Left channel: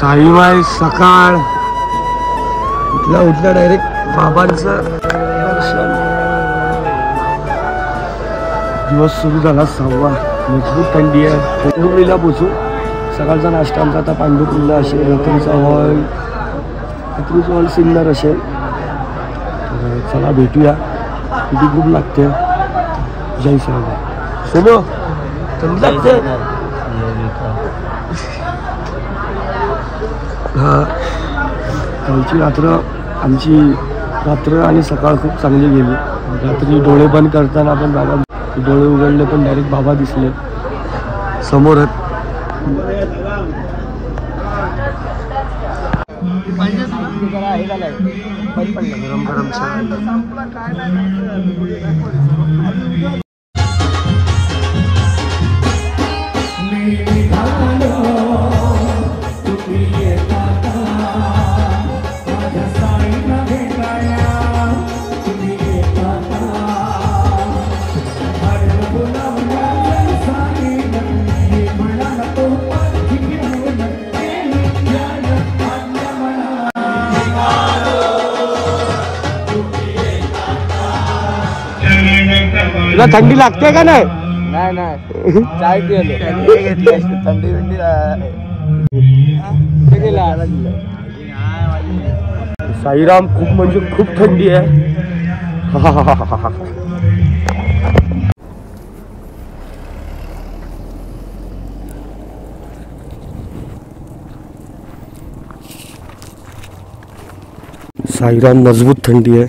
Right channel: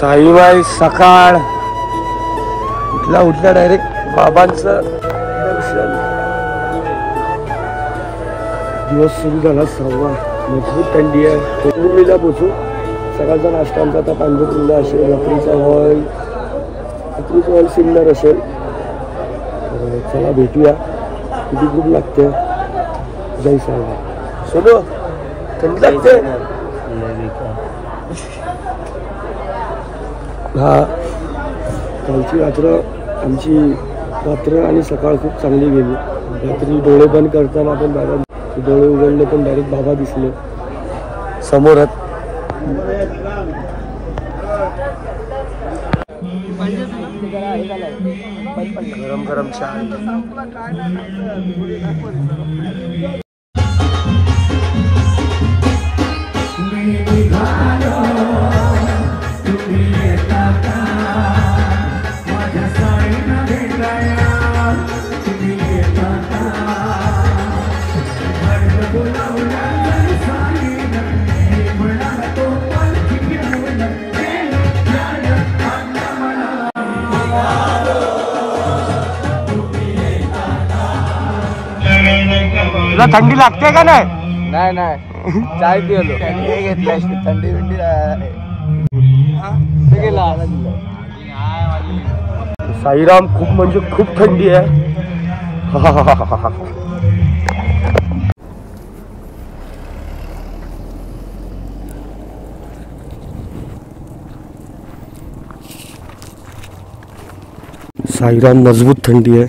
साईमाई सकाळ उठल्या डायरेक्ट बाबांचं दर्शन. दिवस सुरू झाला 6वा. मजबूत थंडी आहे. उरलेला पोचू. सकाळचा नाश्ता आमचा आता पांढरपुरला असेल. रात्रीचा हॉल सिन्नर असेल. तर चला भेटूया. किती खूप लागते. जय साईबाबा. सोनो कमी लागते. हा कालची आमची रात्र आणि सकाळ खूप चांगली गेली. रात्री डोळे बंद करताना पण बाबा डोळे उघडले पण डायरेक्ट बाबा दिसले समोरात. गरम गरम चहा. तुला थंडी लागते का नाही? नाही चाय पिलो. थंडी साईराम खूप म्हणजे खूप थंडी आहे. साईराम मजबूत थंडी आहे.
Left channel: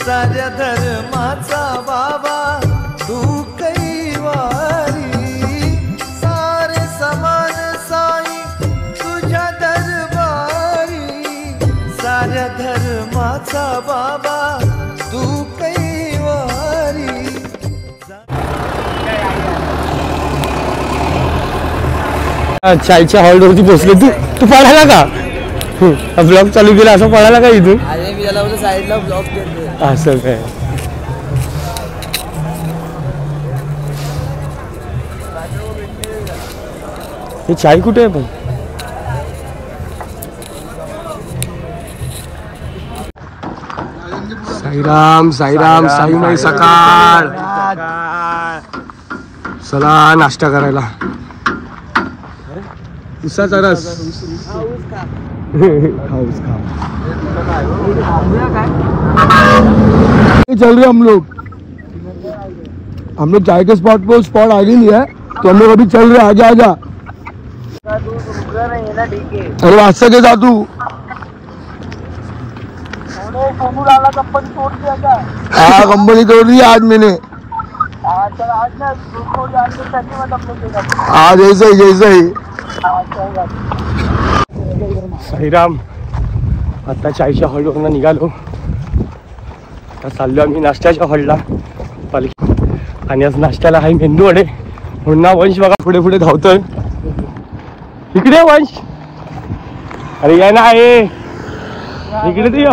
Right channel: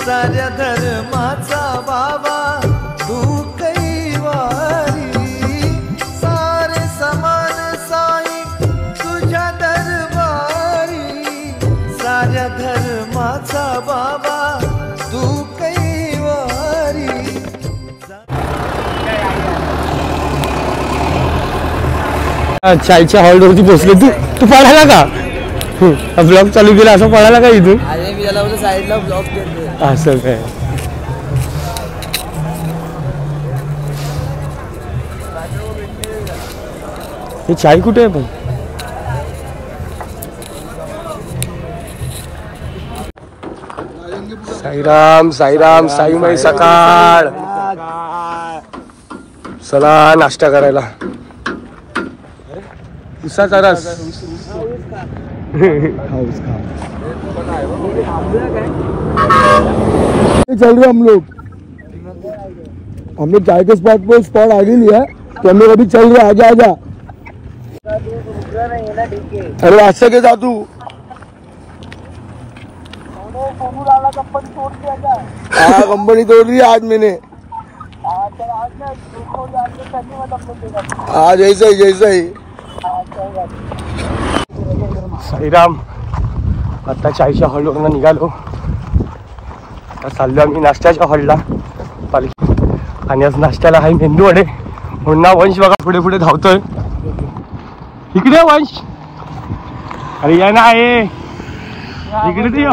साऱ्या धर्माचा बाबा तू कैवारी. सारे समान साई तुझ्या दरबारी. साऱ्या धर्माचा बाबा तू कैवारी. चायच्या हॉलवरती पोहोचले. तू पळाला का? ब्लॉग चालू केला असं पळाला का इथून? अरे मी त्याला साईडला ब्लॉग केले. असं काय? हे चाय कुठे आहे पण? साईराम साईराम साईमाई सकाळ. चला नाश्ता करायला. उसाचा रस. हाऊस खा. चल रहे हम लोग चाय के स्पॉट पे स्पॉट आ गई है तो हम लोग अभी चल रहे. आजा आजा. अरे वास्ते के जा तू. हाँ कंपनी तोड़ दी आज मैंने. हाँ जैसे ही. साईराम आता चायच्या हॉलवरनं निघालो. आता चाललो आम्ही नाश्त्याच्या हॉलला पालखी. आणि आज नाश्त्याला आहे मेंदू वडे. म्हणून ना वंश बघा पुढे पुढे धावतोय. इकडे वंश. अरे या ना आहे इकडे.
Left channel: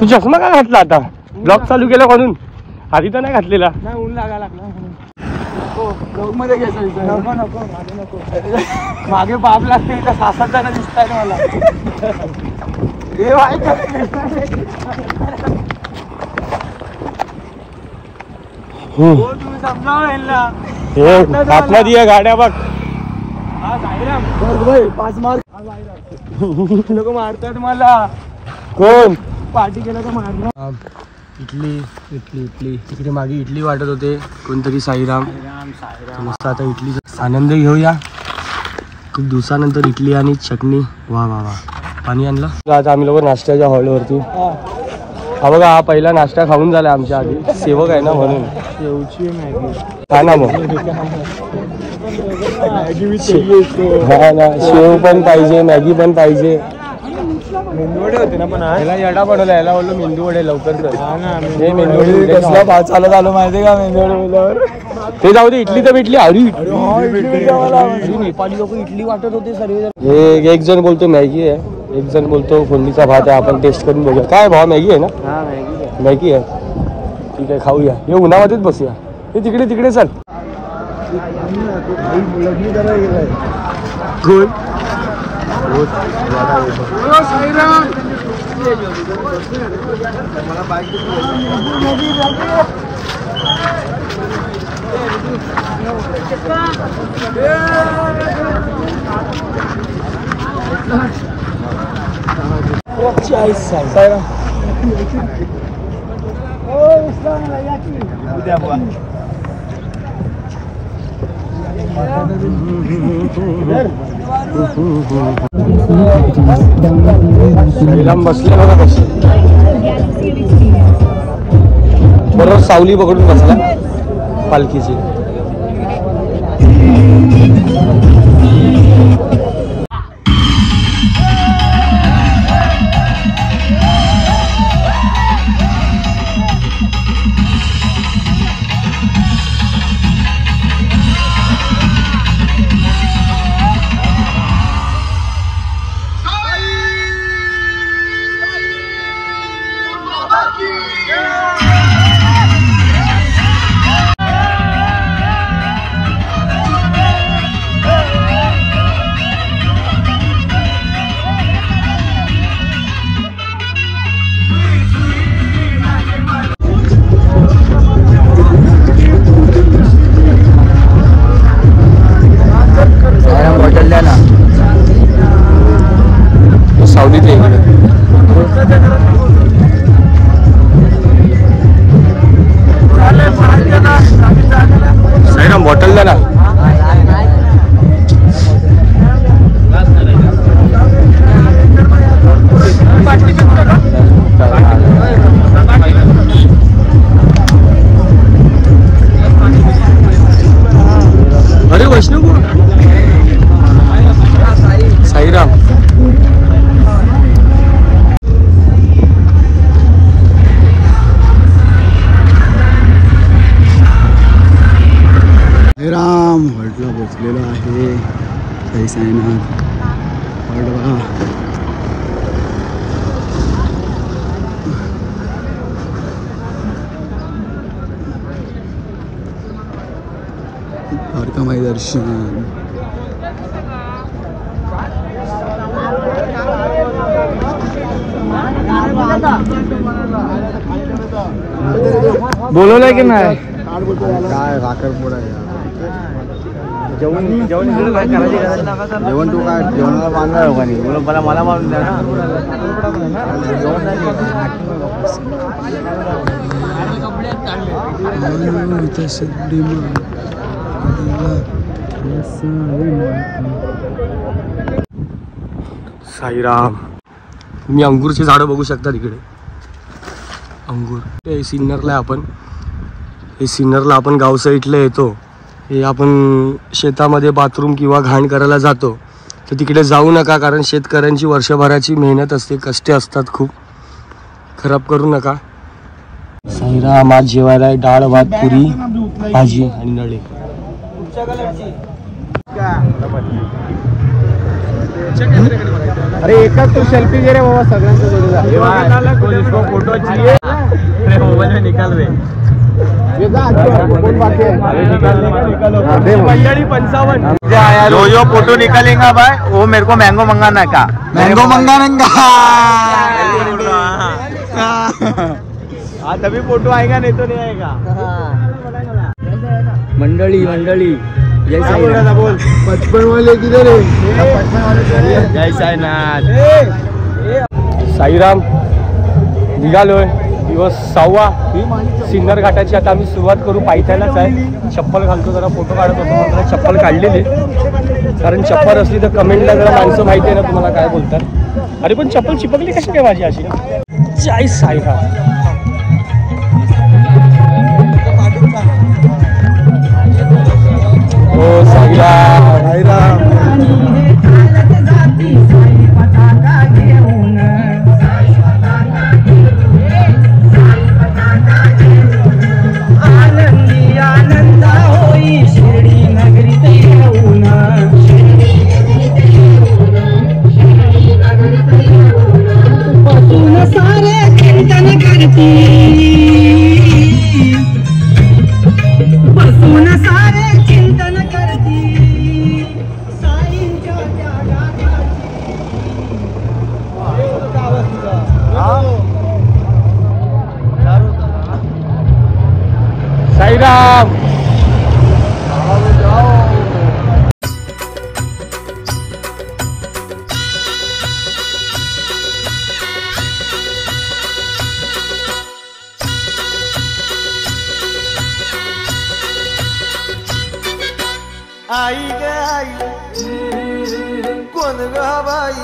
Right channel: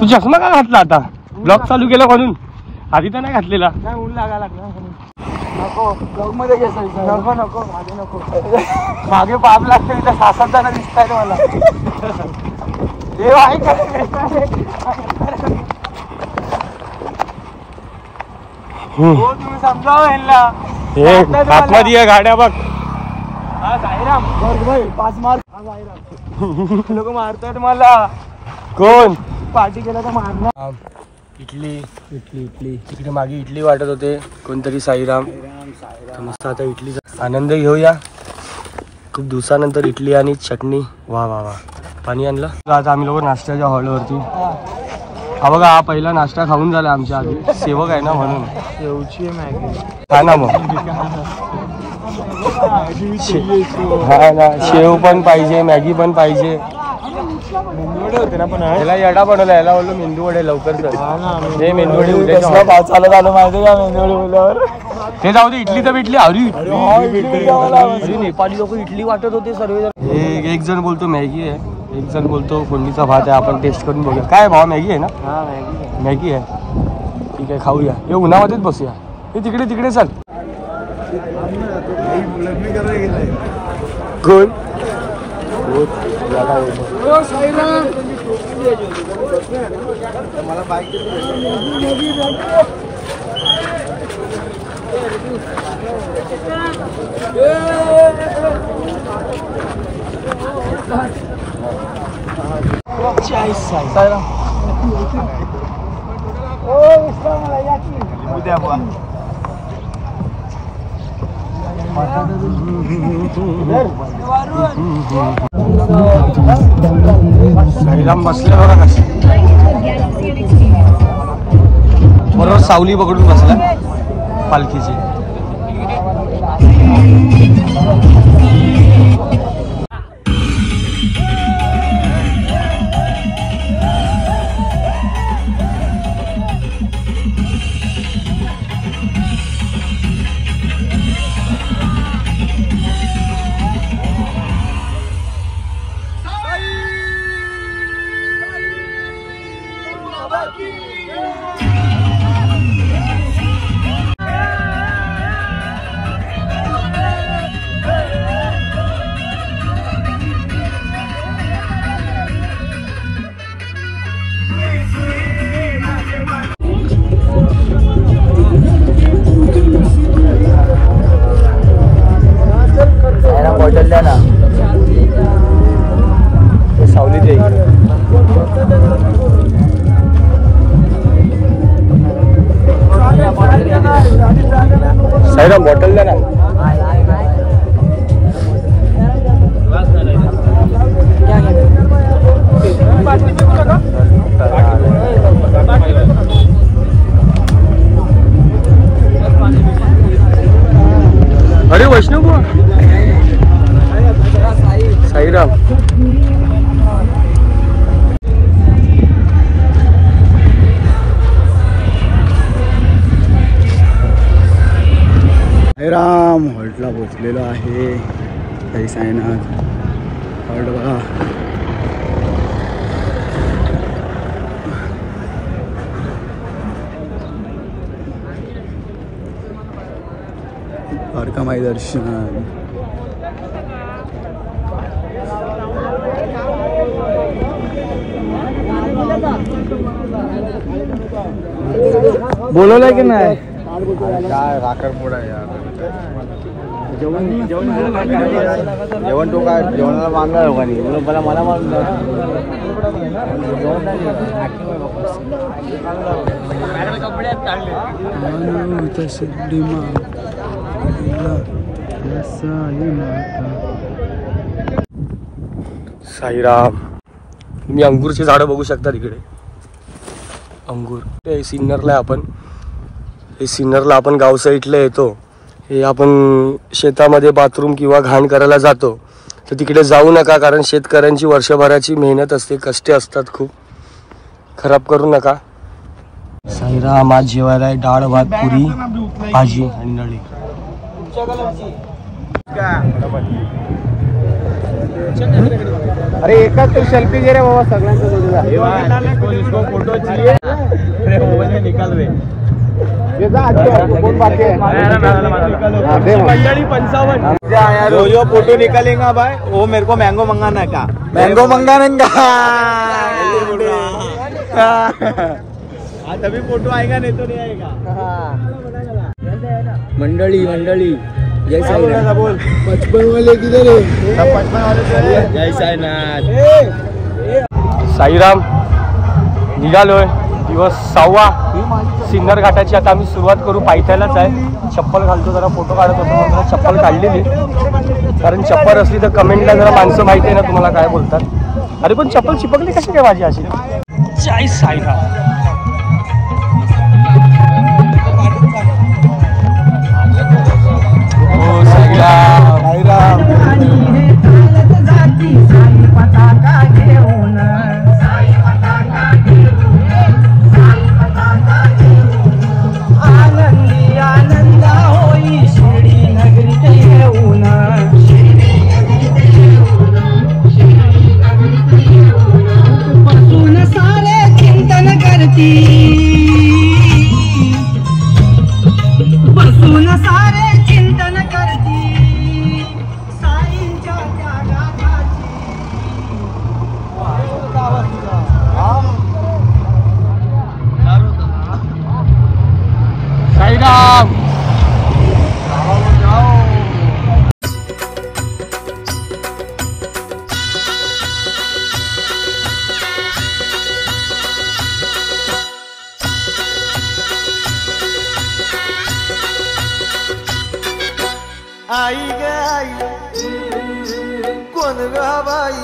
तू चष्मा का घातला आता? ब्लॉग चालू केला म्हणून. आधी तर नाही घातलेला. नाही ऊन लागायला लागला म्हणून. नको ब्लॉग मध्ये घ्यायचं. नको नको मागे नको. मागे पाप लागते इथं 6-7 जण दिसतायत मला. देव आहे का तुम्ही समजावं यांना. आतमध्ये आहे गाड्या बघ. पाच मार लोक मारतायत मला. कोण पार्टी केला तर मारणार. इडली इडली इडली तिकडे मागे इडली वाटत होते कोणतरी. साईराम मस्त. आता इडलीचा आनंद घेऊया. खूप दिवसानंतर इडली आणि चटणी. वा वा वा. पाणी आणलं. आता आम्ही लोक नाश्त्याच्या हॉलवरती. हा बघा हा पहिला नाश्ता खाऊन झाला आमच्या आधी. सेवक आहे ना म्हणून. शेवची मॅगी हा ना मग. हा ना शेव पण पाहिजे मॅगी पण पाहिजे. मेंदूवडे होते ना पण याला येडा बनवला. याला बोललो मेंदू वडे लवकर कर. हे मेंदू वडे काय चालत आलं माहिती का मेंदूवडे बोलल्यावर. ते जाऊ दे. इडली तर भेटली. अरे नेपाळी लोक इडली वाटत होते सर्व. हे एक जण बोलतो मॅगी आहे. एक जण बोलतो फोडणीचा भात आहे. आपण टेस्ट करून बघूया. काय भाव मॅगी आहे ना. मॅगी आहे. ठीक आहे खाऊया. हे उन्हामध्येच बसूया. हे तिकडे तिकडे चल. कोण लांब बसले बघा कशी. बरोबर सावली पकडून बसला पालखीची. साईराम बॉटल द्या ना. अरे वैष्णव साईराम. राम हॉल्टला पोचलेलो आहे. जय साईनाथ. हॉल्ट बघा. द्वारकामाई दर्शन. बोलवलंय की नाही. काय राखडपोड आहे यार. जेवण तू काय जेवणाला मागणार हो का नाही. मला मारून द्या. साईराम. तुम्ही अंगूरची झाडं बघू शकता तिकडे. अंगूर ते सिन्नरला आपण. हे सिन्नरला आपण गाव साईडला येतो. हे आपण शेतामध्ये बाथरूम किंवा घाण करायला जातो तर तिकडे जाऊ नका. कारण शेतकऱ्यांची वर्षभराची मेहनत असते. कष्ट असतात खूप. खराब करू नका. साईराम आज जेवायला आहे डाळ भात पुरी भाजी आणि नळे. अरे एकाच तर सेल्फी घे रे बाबा. सगळ्यांचं फोटो. अरे मोबाईल में निकाल बे मंडळी 55 जो फोटो निकालेगा भाई वो मेरे को मैंगो मंगाना का मैंगो मंगाने का तभी फोटो आएगा नहीं तो नहीं आएगा। मंडळी जय साईनाथ बोल 55 वाले किधर है? जय साईनाथ साईराम निघालोय दिवस 6वा सिन्नर घाटाची आता आम्ही सुरुवात करू पायथ्यालाच आहे चप्पल घालतो जरा फोटो काढत होतो म्हणून चप्पल काढलेली कारण चप्पल असली तर कमेंटला जरा माणसं माहिती आहे ना तुम्हाला काय बोलतात अरे पण चप्पल चिपकली कशी काय माझी अशी जय साईराम हो साईराम आई ग आई कोण ग बाई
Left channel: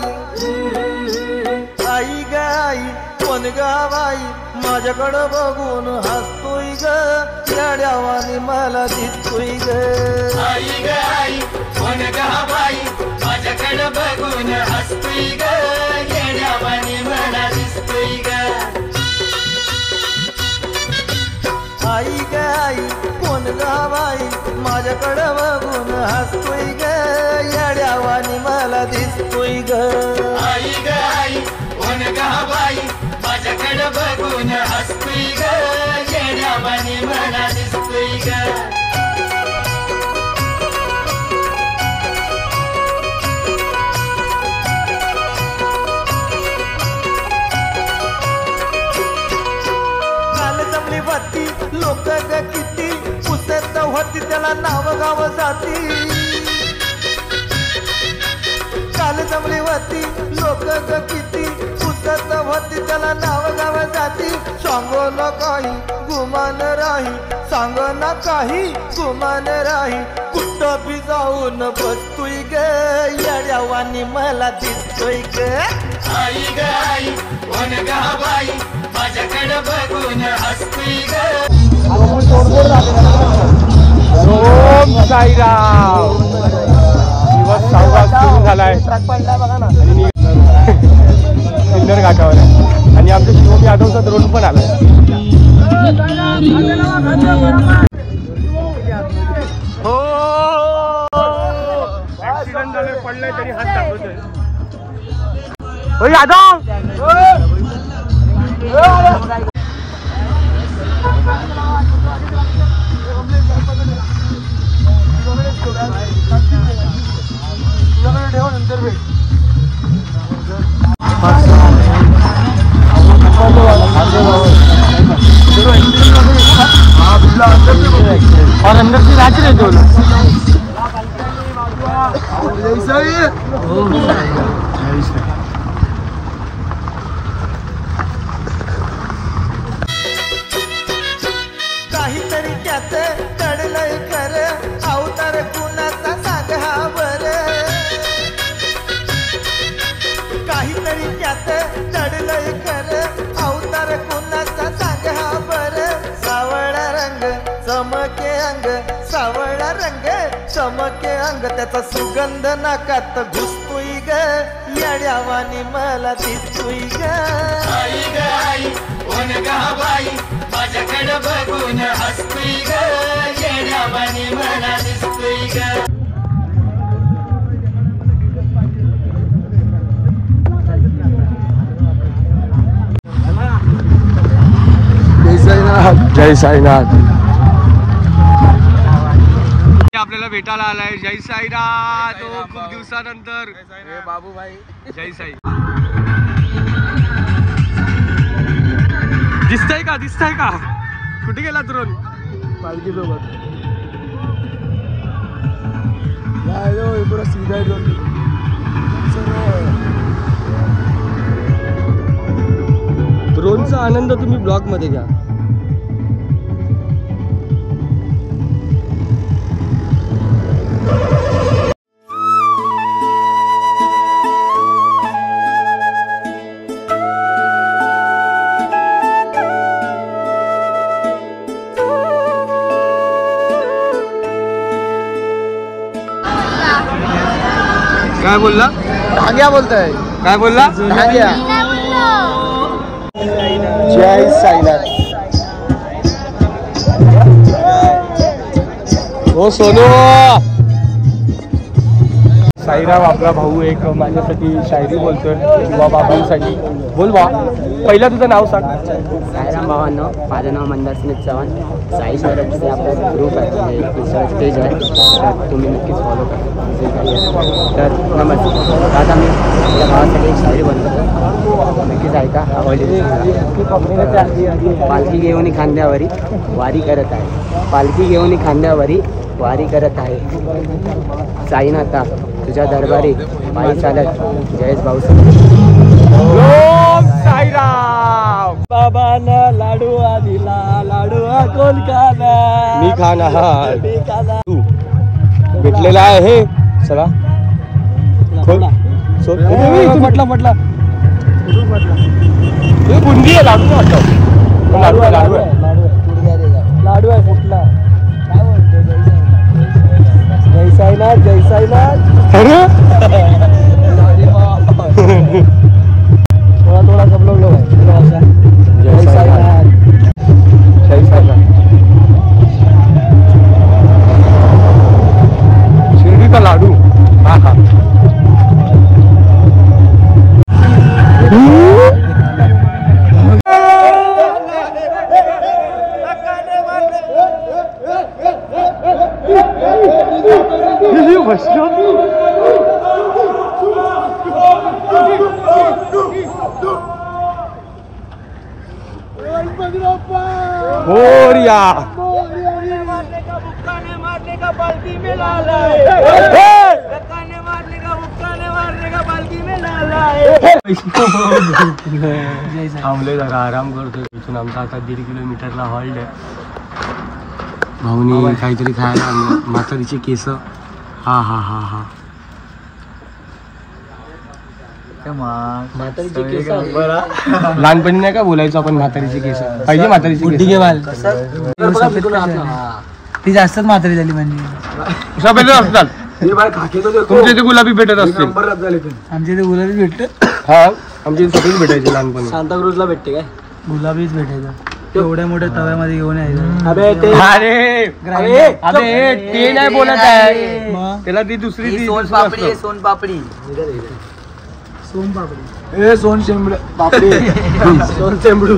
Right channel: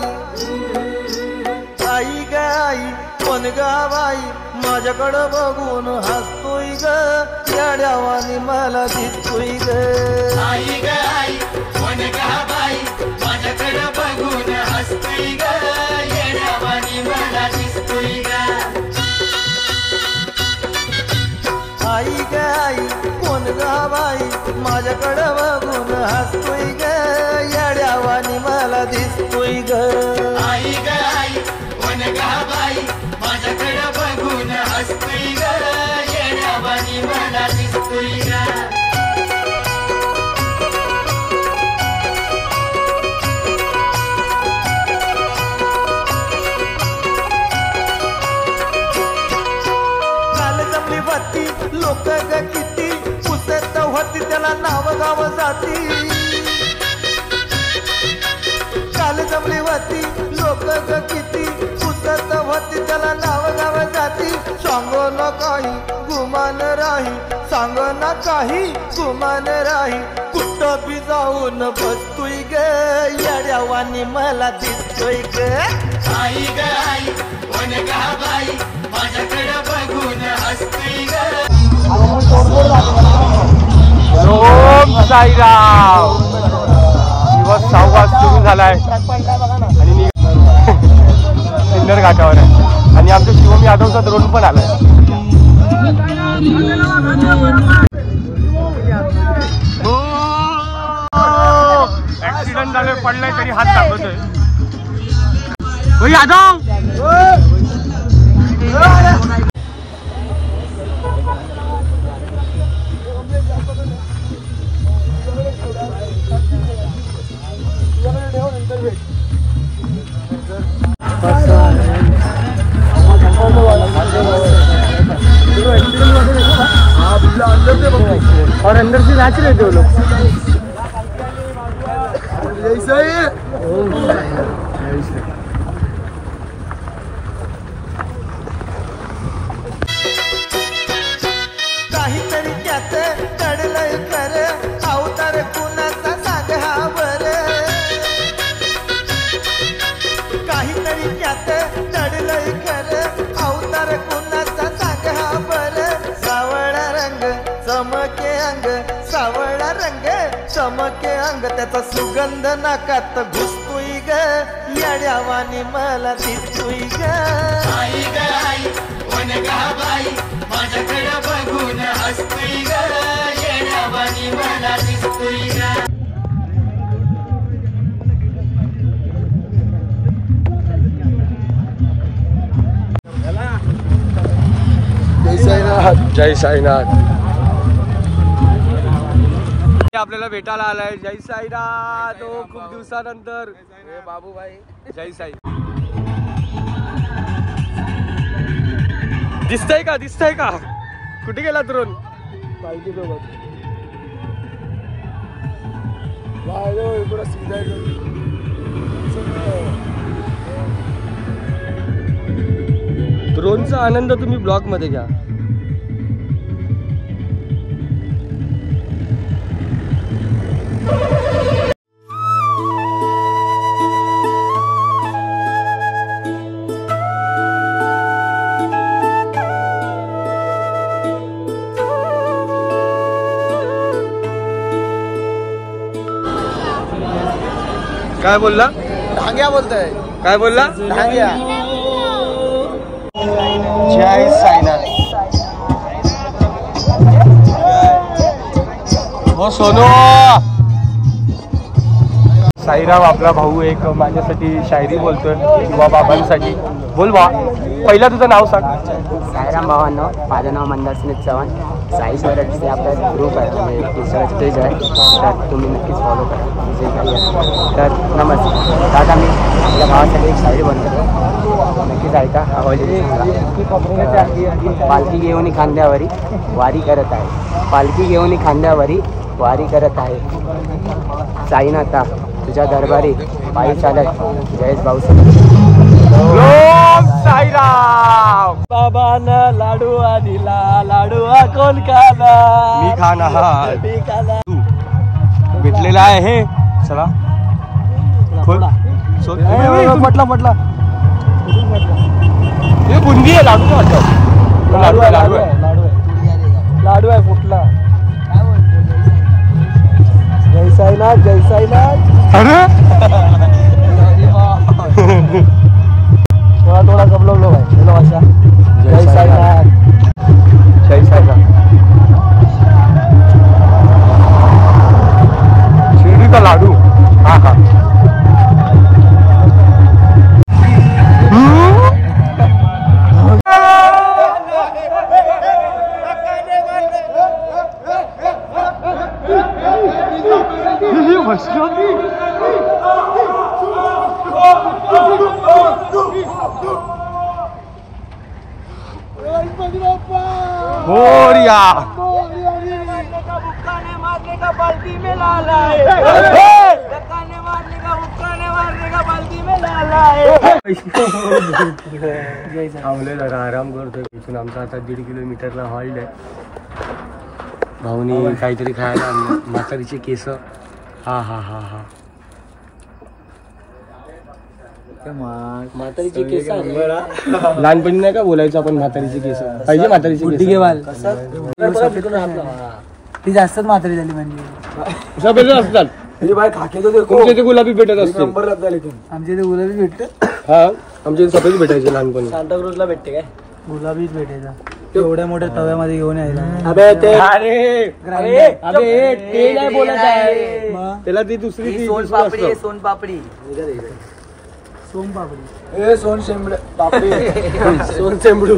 आई ग आई कोण ग बाई माझ्याकडं बघून हसतोय ग येड्यावानी मला दिसतोय ग आई ग आई कोण ग बाई माझ्याकडं बघून हसतोय ग येड्यावानी मला दिसतोय ग आई ग आई कोण ग बाई माझ्याकडं बघून हसतोय ग येड्यावानी मला दिसतोय ग आई ग आई कोण ग बाई माझ्याकडं बघून हसतोय ग येड्यावानी मला दिसतोय ग लोक ग किती पुसत होती त्याला नाव गाव जाती काल जमली होती लोक ग किती पुसत होती त्याला नाव गाव जाती सांगो न काही गुमान राही सांग ना काही गुमान राही कुठं बी जाऊन बसतोय ग येड्यावानी मला दिसतोय ग आई ग आई कोण ग बाई माझ्याकडे बघून हसतोय ग ओम साईराम दिवस 6वा सुरू झालाय आणि सिन्नर घाटावर आहे आणि आमच्या शिवम यादवचा ड्रोन पण आलाय हो ऍक्सिडेंट झाले पडलाय तरी हात दाखवतोय हो यादव और अंदर से नाच रहे थे वो लोग काहीतरी त्यात दडलंय खरं अवतार कुणाचा सांग हा बरं काहीतरी त्यात दडलंय खरं अवतार कुणाचा सांग हा बरं सावळा रंग चमके अंग सावळा रंग चमके अंग त्याचा सुगंध नाकात घुसतोय ग येड्यावानी मला दिसतोय ग आई ग आई कोण ग बाई माझ्याकडे बघून हसतोय ग येड्यावानी मला दिसतोय ग जय साईनाथ. आपल्याला भेटायला आलाय. जय साईनाथ. खूप दिवसानंतर बाबूभाई. जय साई. दिसतंय का दिसतंय का? कुठे गेला ड्रोन? पालखी सोबत. ड्रोनचा आनंद तुम्ही ब्लॉग मध्ये घ्या. काय बोलला? भांग्या बोलतोय. काय बोलला? भांग्या. जय साईनाथ. हो सोनू. साईराम आपला भाऊ एक माझ्यासाठी शायरी बोलतोय किंवा बाबांसाठी. बोल बा. पहिला तुझं नाव सांग. साईराम भावांनो, माझं नाव मंदार स्मित चव्हाण. साई स्वराजचे आपला ग्रुप आहे, म्हणजे इंस्टाग्राम पेज आहे, तर तुम्ही नक्कीच फॉलो करा जे काही असेल. तर नमस्कार. आता मी आपल्या भावासाठी एक शायरी बनतो, नक्कीच ऐका. पालखी घेऊन खांद्यावरी वारी करत आहे. पालखी घेऊन खांद्यावरी वारी करत आहे. साईनाथा तुझ्या दरबारी पायी चालत जयेश भाऊ. साईराम. बाबांना लाडू दिला, लाडू कोण खाणार? मी खाणार. तू भेटलेला आहे हे. चला म्हटलं म्हटलं हे बुंदी आहे. लाडू लाडू आहे. लाडू आहे. लाडू आहे फुटला. काय बोलतो? जय साईनाथ. जय साईनाथ. थोड़ा सब लोग है. जय साईनाथ. जय साईनाथ. शिर्डी का लाडू. हा हा. थांबले जरा आराम करतोय. इथून आमचा आता 1.5 किलोमीटरला हॉल्ट आहे. भाऊनी काहीतरी खायला आणलं. म्हातारीचे केस. हा हा हा हा. लहानपणी नाही का बोलायचो आपण म्हातारीचे केस पाहिजे. म्हातारीचे केस ती जास्तच म्हातारी झाली म्हणजे. सगळे असतात. तुमच्या इथे गुलाबी भेटत असतील. आमच्या इथे गुलाबी भेटत. हा आमच्या इथे सगळेच भेटायचे लहानपणी. सांताक्रूजला भेटते काय? गुलाबीच भेटायचा. एवढ्या मोठ्या तव्यामध्ये घेऊन यायला. अरे ते नाही बोलत आहे. त्याला ती दुसरी सोनपापडी. सोनपापडी. सोन शेंबड पापडी. सोन चेंबडू.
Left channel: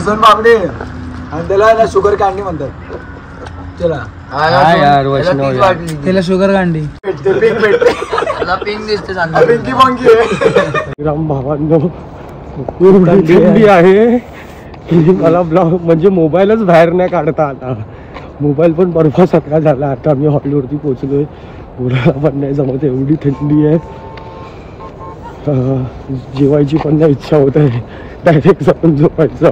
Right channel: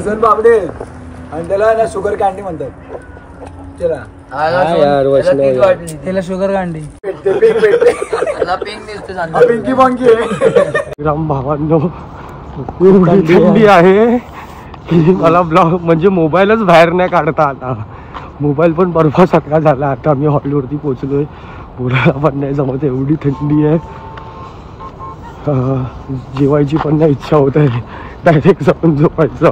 सोनपापडी आणि त्याला ना शुगर कॅन्डी म्हणतात. त्याला यार वैष्णव त्याला शुगर कॅन्डी. पिंकी पॉंकी आहे. राम भावांनो एवढी थंडी आहे की मला ब्लॉग म्हणजे मोबाईलच बाहेर नाही काढता आता. मोबाईल पण बर्फासारखा झाला. आता आम्ही हॉलवरती पोहोचलोय. बोलायला पण नाही जमत, एवढी थंडी आहे. जेवायची पण नाही इच्छा होत आहे. डायरेक्ट जाऊन झोपायचं.